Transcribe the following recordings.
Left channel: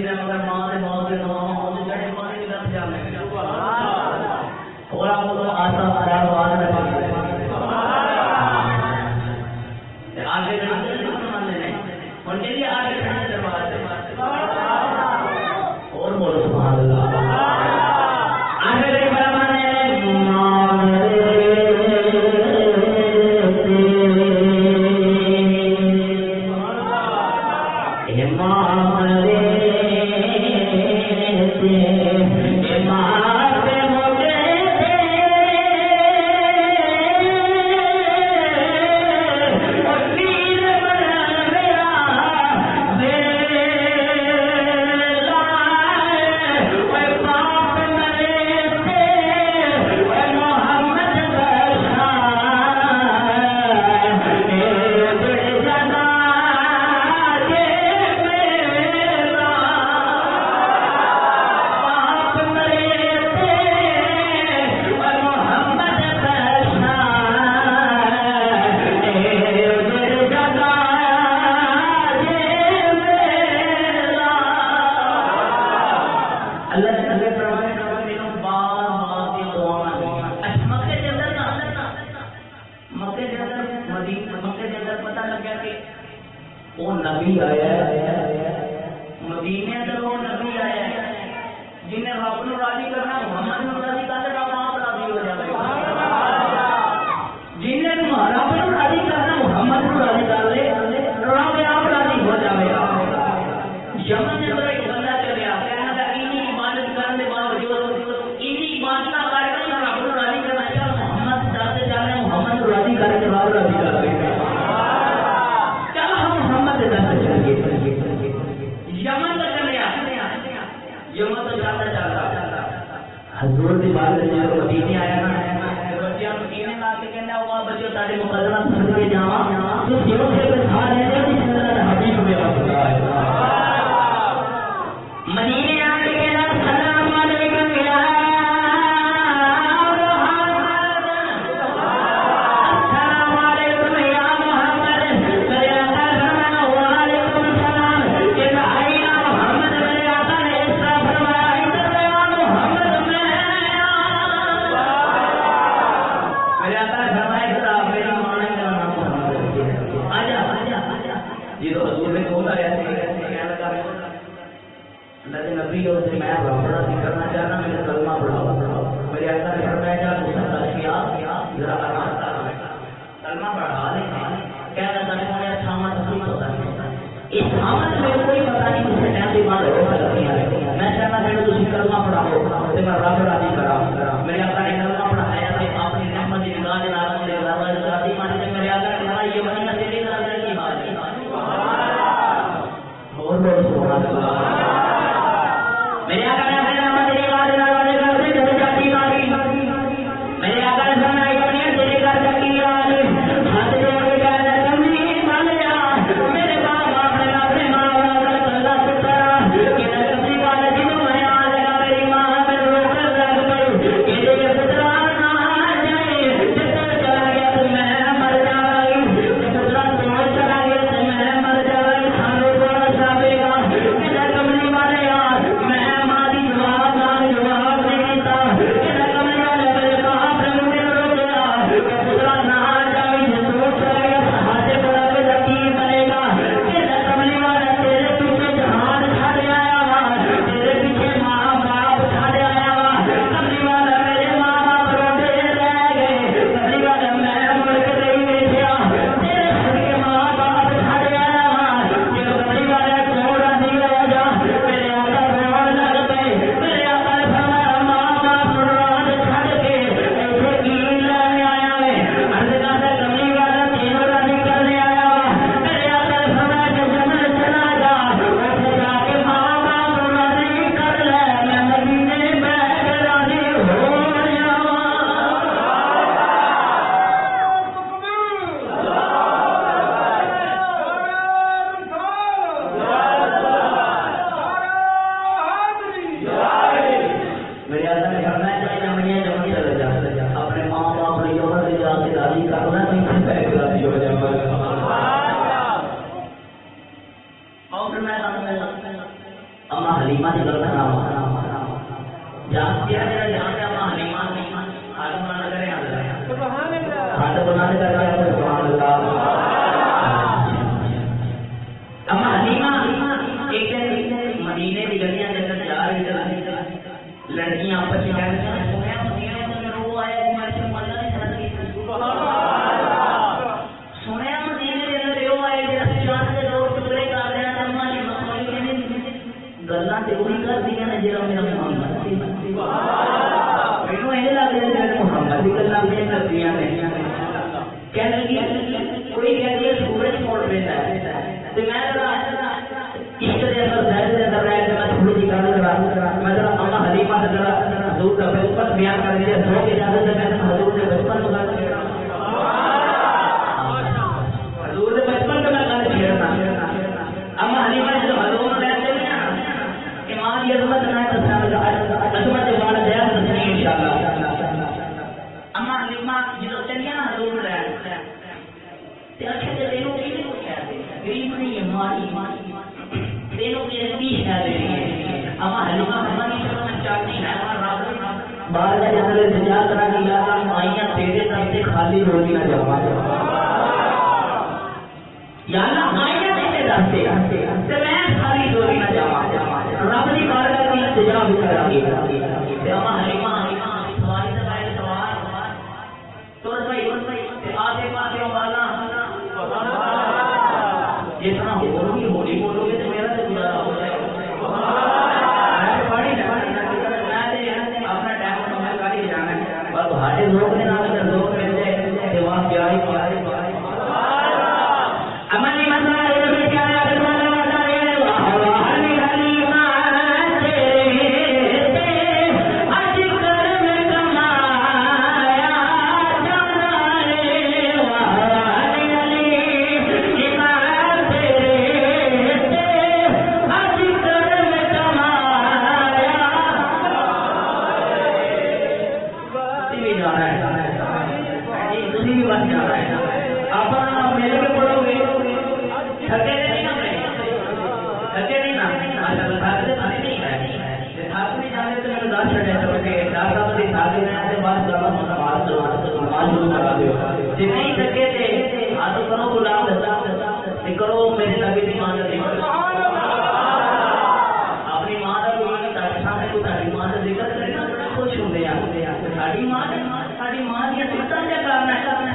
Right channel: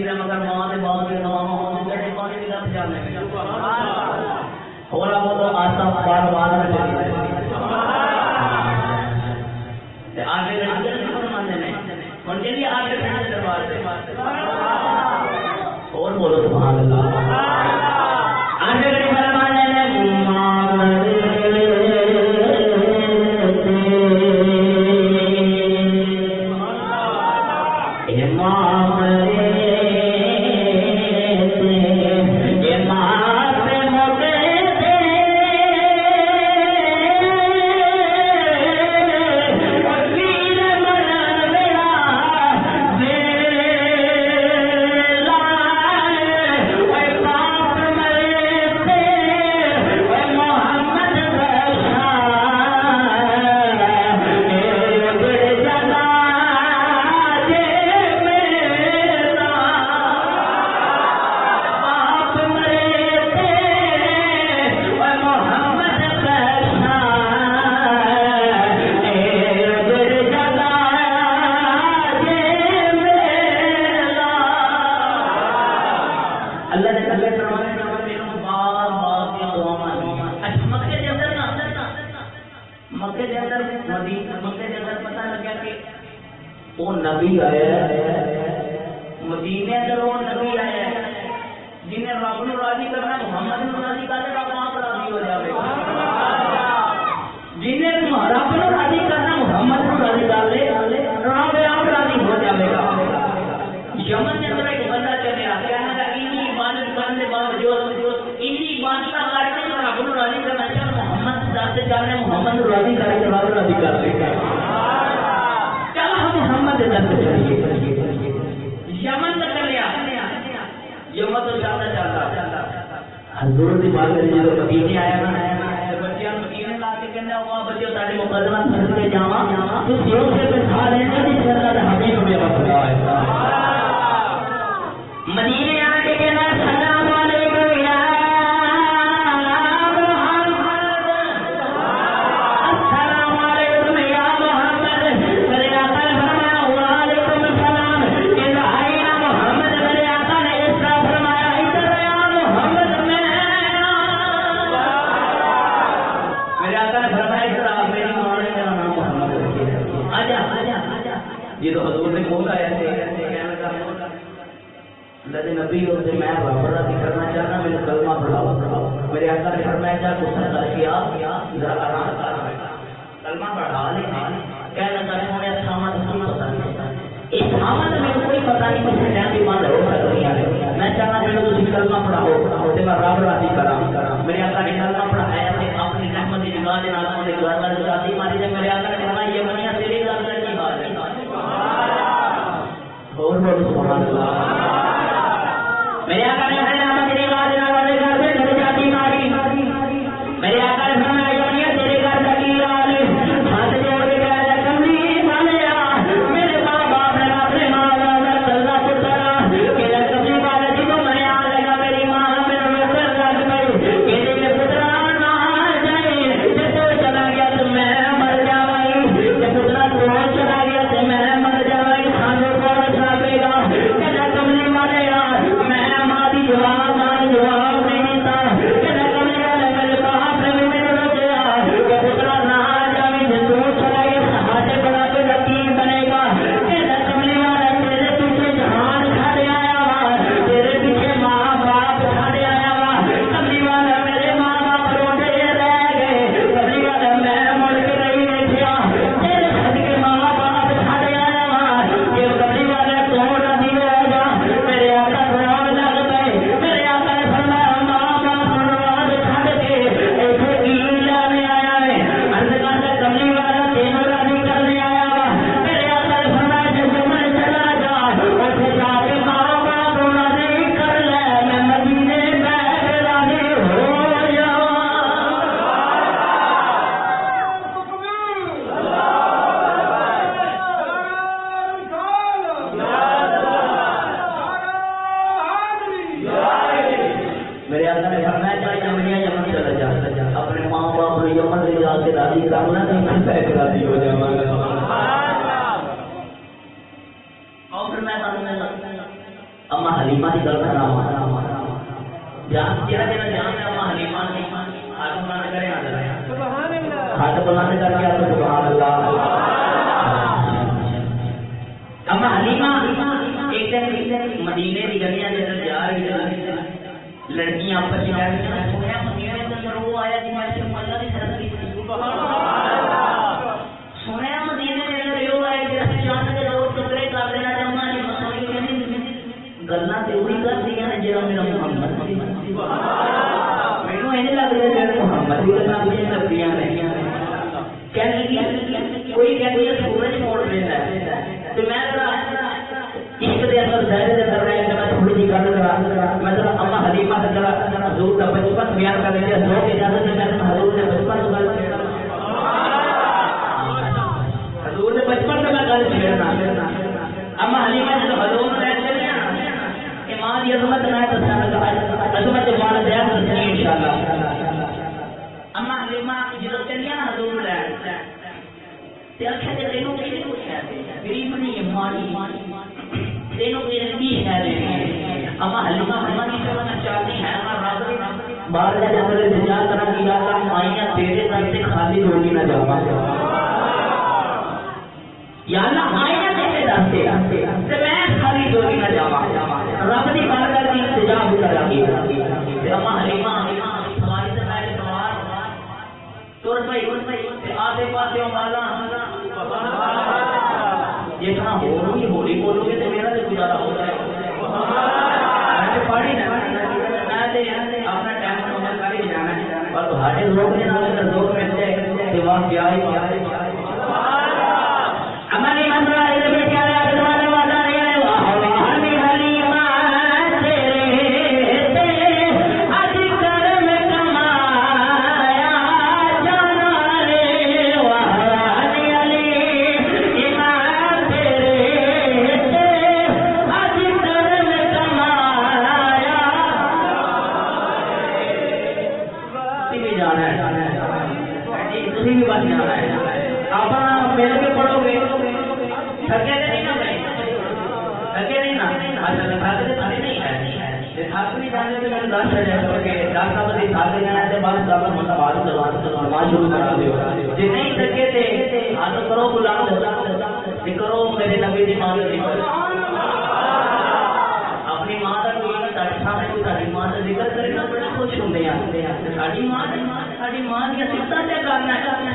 نہیں ہے مگر ماں کے باپ کے نام جڑے پانی کی لت جانے اور آپ کو آسا بار بار آگے ان کے لیے آگے دربار سے اور بولو سبحان اللہ آگے میرے اما حلیمہ کی گل کرا جہاں تیرا جہاں جہاں پہ اما حلیمہ کی حالم نہ کرے نہ کرے سبحان اللہ حالت بمان کر کے آپ سبحان اللہ اما حلیمہ ایک دن مدینے کی گلیاں کے اندر جا رہی تھی لڑکیاں آپس میں جا رہی تھیں سویا مدینے کے اندر وہ آیا کہ میں سے مزہ نہیں کر سکتی سویا مدینے کے اندر وہ آیا کہ رسی جان کے دو ٹکڑے کر رہے ہیں اما نے مسوئی کے نہیں گلنا تے وہی کر دیا نا جڑا میرا محمد مینوں اینے لگ رہا ہے کہ محمد دی گلاں کیوں کردیاں نہیں کہندی کوئی کہندی ہے سورج موڑ رہا ہے تے میں اس دے اندر ظاہر دے اندر ہے کہ میں تھوڑی جی گل کرا میں ذرا اما حلیمہ دا ذرا حضور دا بچپن بیان کر دیا لوگ اجازت دے میں حضور دے بچپن کی گل کردا حضور دے بچپن کی میں گل چھیڑنا اما حلیمہ جب حضور نے یہ عظمت ہے عظمت جان دے انشاءاللہ اما حلیمہ جدوں چنگا حضور لے تے اکھے دے نوں کی پوچھیا میری منی ماری تینوں کی کی ہے اما حلیمہ ہماری سمجھ چاہتی ہے راز بعد جب ہمارے دنیا طرح کی اللہ مائیاں تیرے در سے خالی روٹی نہ جاوا یا نہ مائیاں تیرے در سے تے میں خالی روٹی نہ جاوا رب نے کارگر کی انتظام کرا دیا اما حلیمہ سواری سے آئے سوار تور پئی آسے پاسے والا جتنا ہولی ہولی بولو گے تو میرا تو گزارا ہو جائے پڑھی نا اپنا ٹائم میں کاری جانا ہے اور تمہارے لوگ نے نام اگر لوگ ملتے ہیں دیوان پیارے پیارے اما نہیں مان رہا ہے بیٹا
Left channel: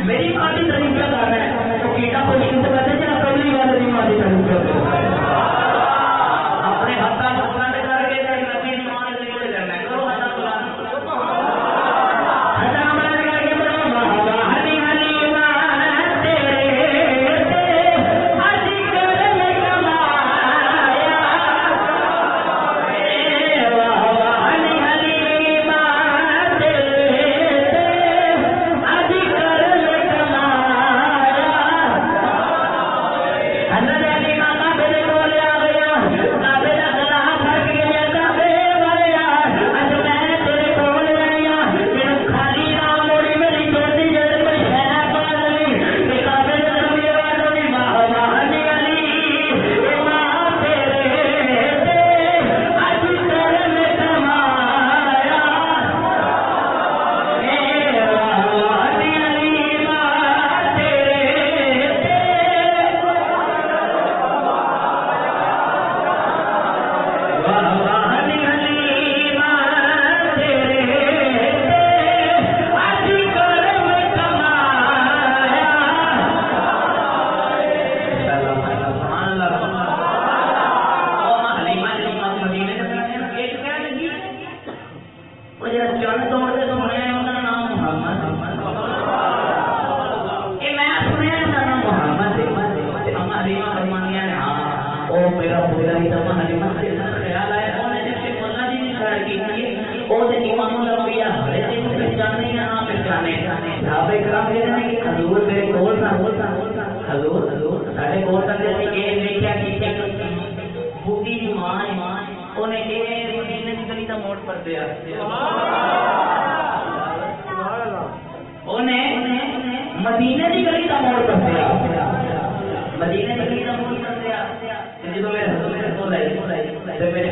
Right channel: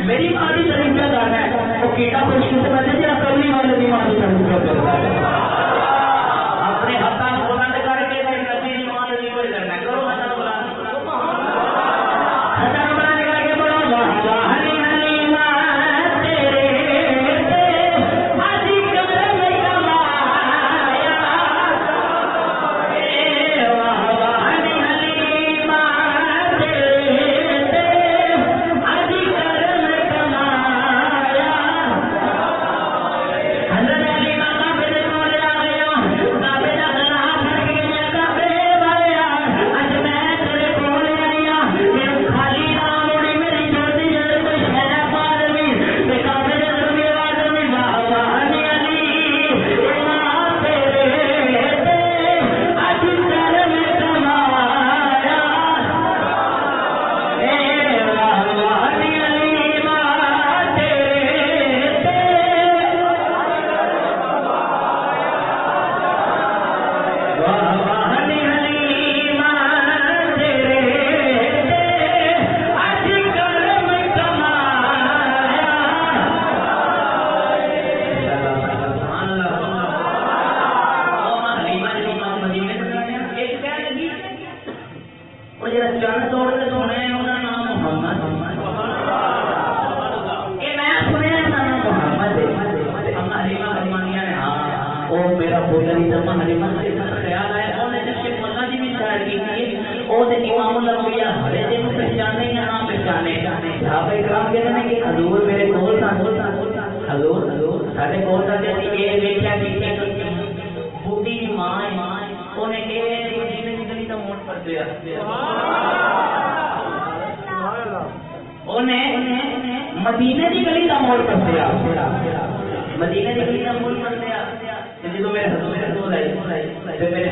میری ماں کی طریقہ کرنا ہے تو کیڑا خوش کس بات ہے پہلی بار بھی ماں کی طریقہ کرنا ہے اپنے ہاتھوں میں بلند کر کے کوئی نبی کی ماں کی طریقہ کرنا ہے کرو ہاتھ بلند کر کے بولو حلی حلیمہ تیرے حج کرم کمایا حلی حلیمہ مدینے کی گلی کا موڑ کر دیا مدینے کی گلی کا موڑ کر دیا جب میرے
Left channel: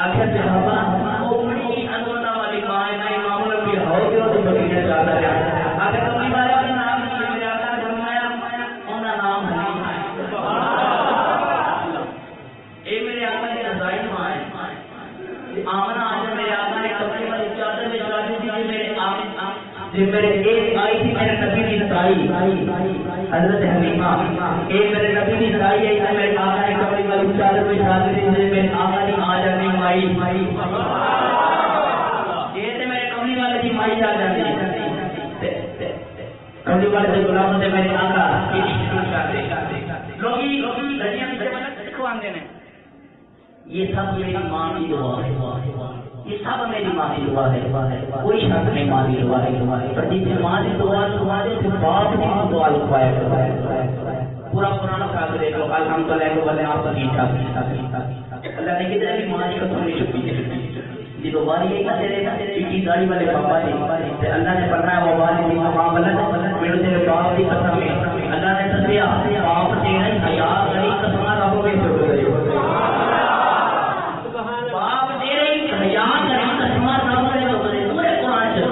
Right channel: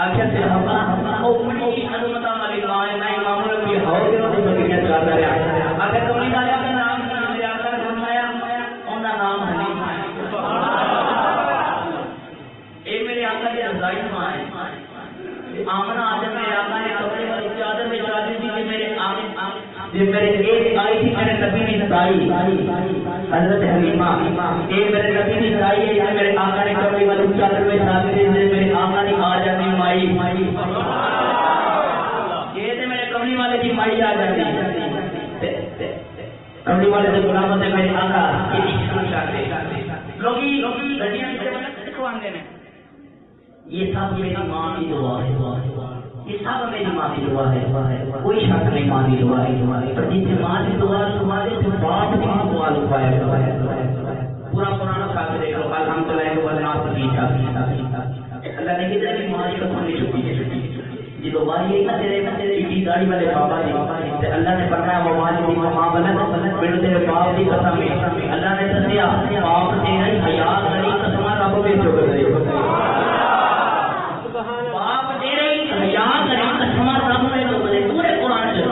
آخر سے اپنی عظمت والی ماں نئی معاملوں کی ہوگی وہ تو دنیا چاہتا ہے اگر تم نے کا نام میرے آقا نے فرمایا ان کا نام حلیمہ ہے یہ میرے آقا کی رضائی ماں ہے آمنہ آج میرے آقا نے کپڑے والی چادر میں شادی تھی جو میرے ایک آئی تھی میرے نبی کی سائی حضرت حلیمہ ایک میرے نبی کی سائی ہے میرے آقا نے کپڑے والی چادر میں شادی تھی میرے آقا نے آج اپنی مائی یہ تو میرے کملی والے کی مائی آ جاتی کملی والے سے غلام ہوتے میرے آقا یہ سب میری ماں کی دعا ہے یہ سب میری ماں کی دعا ہے کوئی شک نہیں ماں کی دعا ہے پر جس سے ماں کی دعا تمہارے سے بات بھی دعا لکھوایا پورا پرانا کام کرے گا الحمدللہ کو بدنا سبھی اللہ نے کہا کہ ماں کی قسم نہیں چکی ہے جی تو والی کا تیرے کی گاڑی والے بابا جی اللہ نے فرمایا وہ والی کی مقام بلند پھر تیرے باپ کی قسم ہے اللہ نے سنیا باپ تیرے حیا کری قسم رب میں جو کرے باپ تیرے حیا کری قسم رب میں جو کرے پورے قرآن سے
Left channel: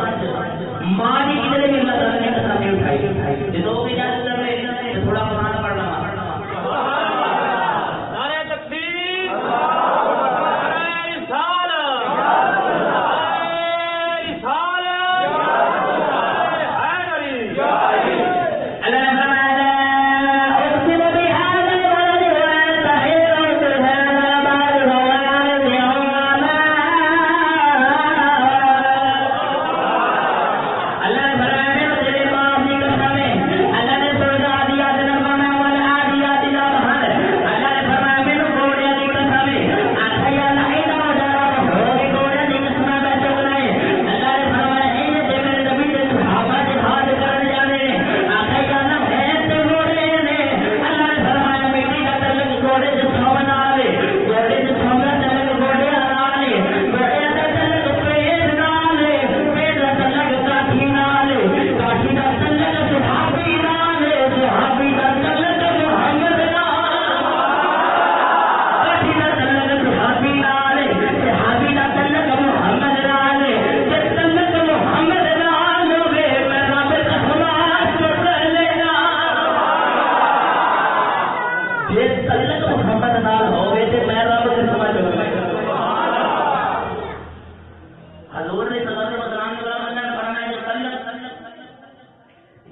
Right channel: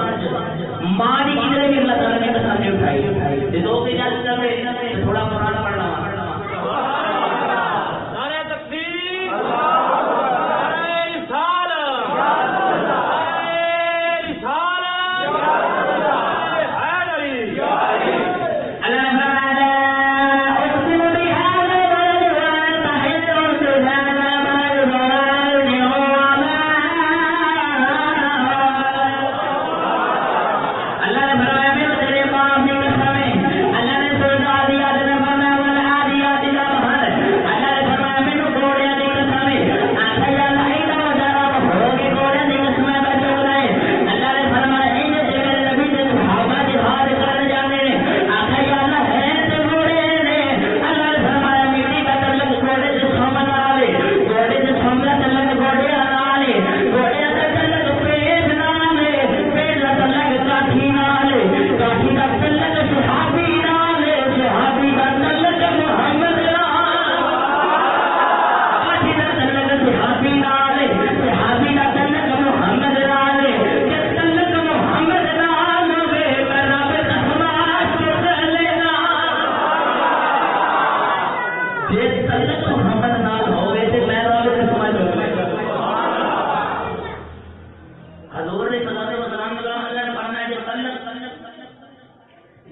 ماں کی کدھر بھی اللہ نے قسم نہیں اٹھائی یہ دو دن چل رہے تھوڑا قرآن پڑھنا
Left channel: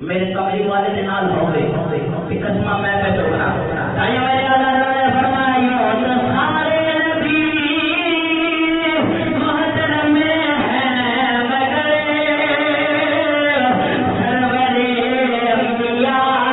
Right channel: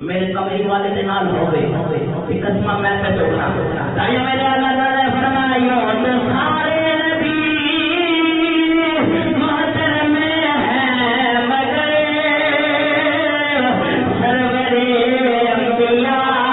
میرے کملی والے کے نال ہو گئی قسمہ میں پہ چوکنا تائیوں میرے اللہ نے فرمایا سارے نبی محشر میں ہے مگر سرور انبیاء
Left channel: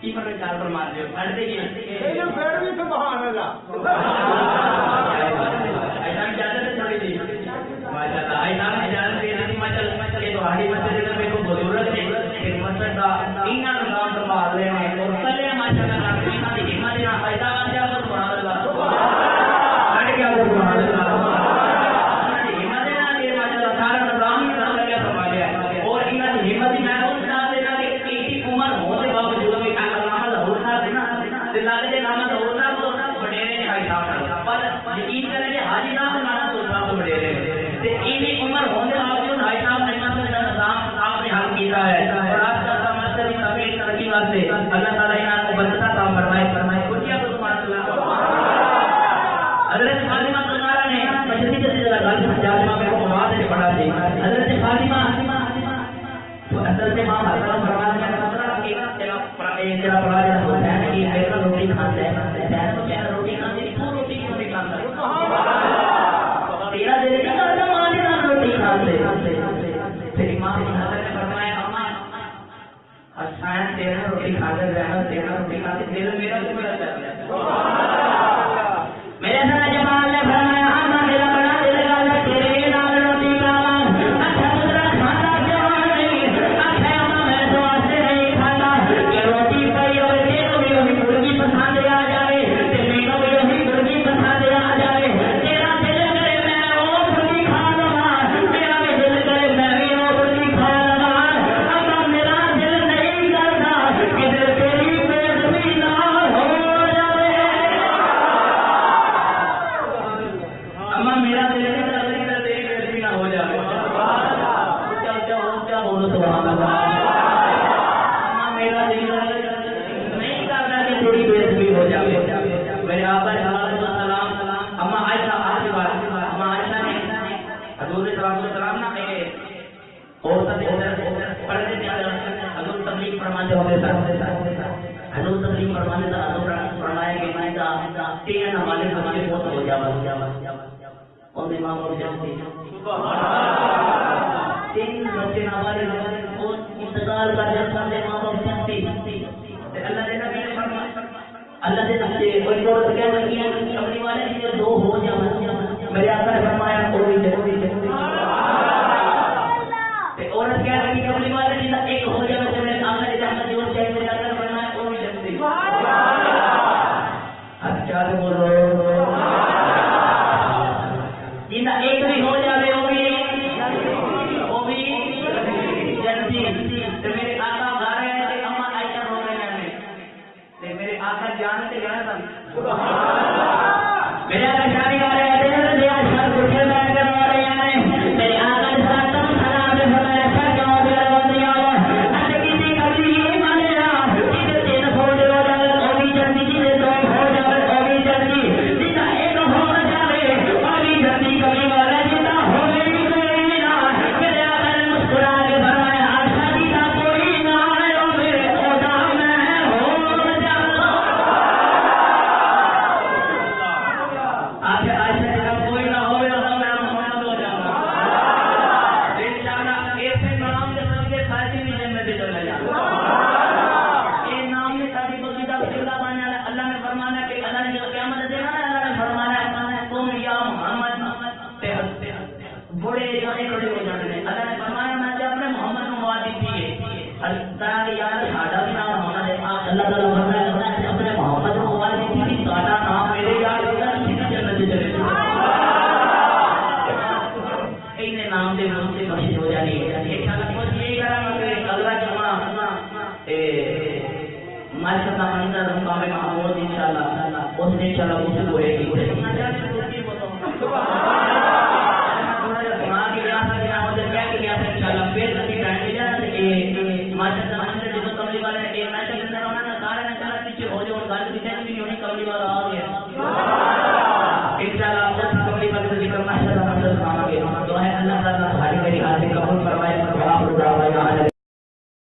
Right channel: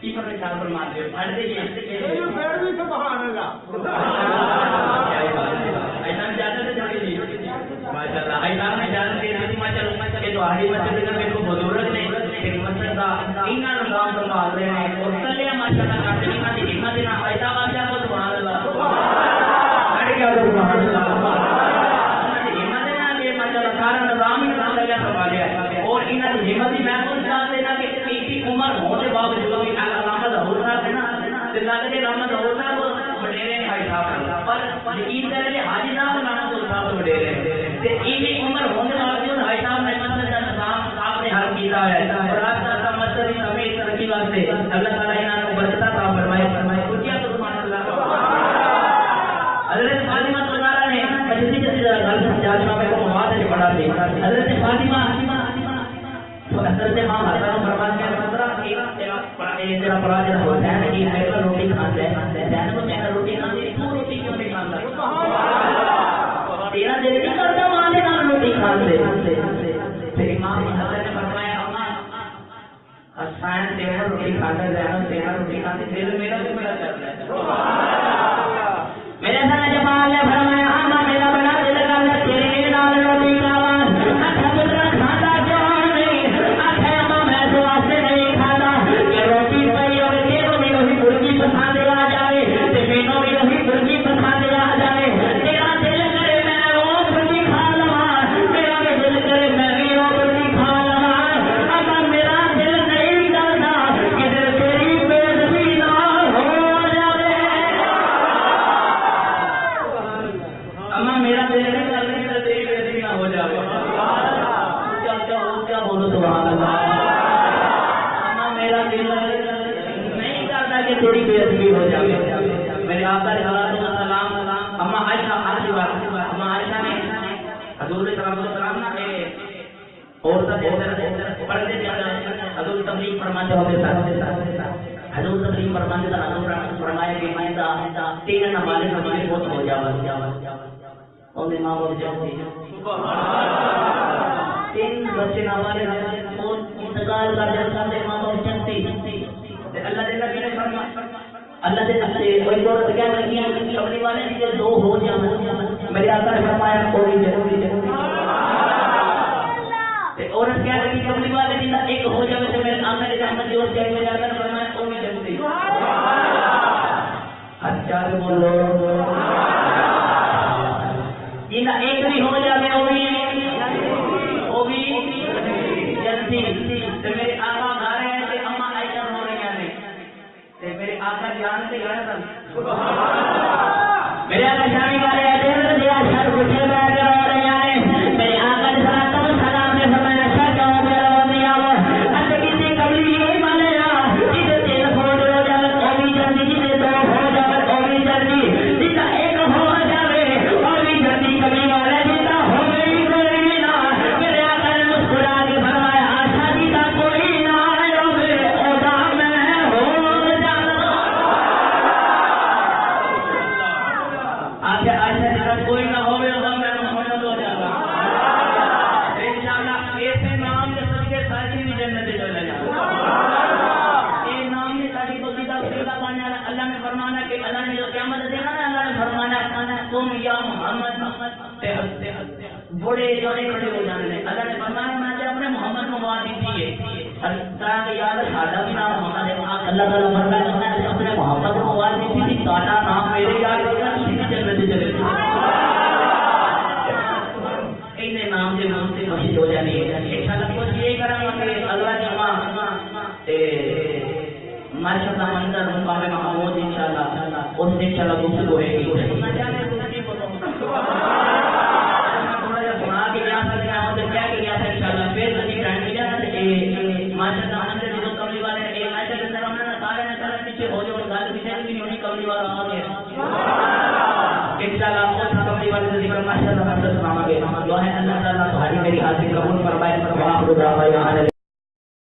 تیری پر خیال فرما دے پڑھ دے یہ پھر بھی سبحان اللہ ایسا اجازت ہے تھوڑی سی ماشاءاللہ ایسا اجازت ہے نہیں ماشاءاللہ یہ تو ہری مسجد میں تو بزرگ نے خدمت کا اینا نظام سنبھال رہے ہیں اور کلے ماشاءاللہ کافینا کی خدمت نہ ایسا واجہ تو سبحان اللہ سبحان اللہ اور ان کی ہمت میں تو ساتھ دینا کہ ایک عمر ہونے باوجود بھی علامت ہونا دینا دلانے کے علامت ہونا تو بڑے کا حساب اور یقین کریں کہ حاجی نہ ہونا تو صاحب بڑے کہ ایک عمر ہونے باوجود حاجی صاحب نے نام آپ نے حل کیا ہے اور آپ کا مطلب سبھی ترقی واسطے اللہ تعالی نے آپ کو برکت عطا فرمائے کیا تو سبحان اللہ حضرت فاطمہ سرکار نے مجلس کے اندر گل سمجھا کو وہاں سے پڑھا تھی حضرت فاطمہ تو اصل میں ہم حضرت فرمان کے مطلب کہ تیرا پراجا ہو جائے کہ ایسا روٹی کھاتا ہے جہاں میں روٹی کھاتے تو روٹی کیوں نہیں کھاتا تیرا دل نہیں کرتا مانے نہ روٹی کھاتے پھر امام حضرت نے فرمایا اما حسین تیرا روٹی کھاتا ہے تیرا روٹی کھاتے دل میرا تو میرا چلتا ہے میرے ساتھ جمال نے فرمایا اما میرا بڑا دل کا تیرے نال روٹی کھانا پیچھے ہو جاؤ گل کسی بھی نہیں ہونی کملی والا آ گیا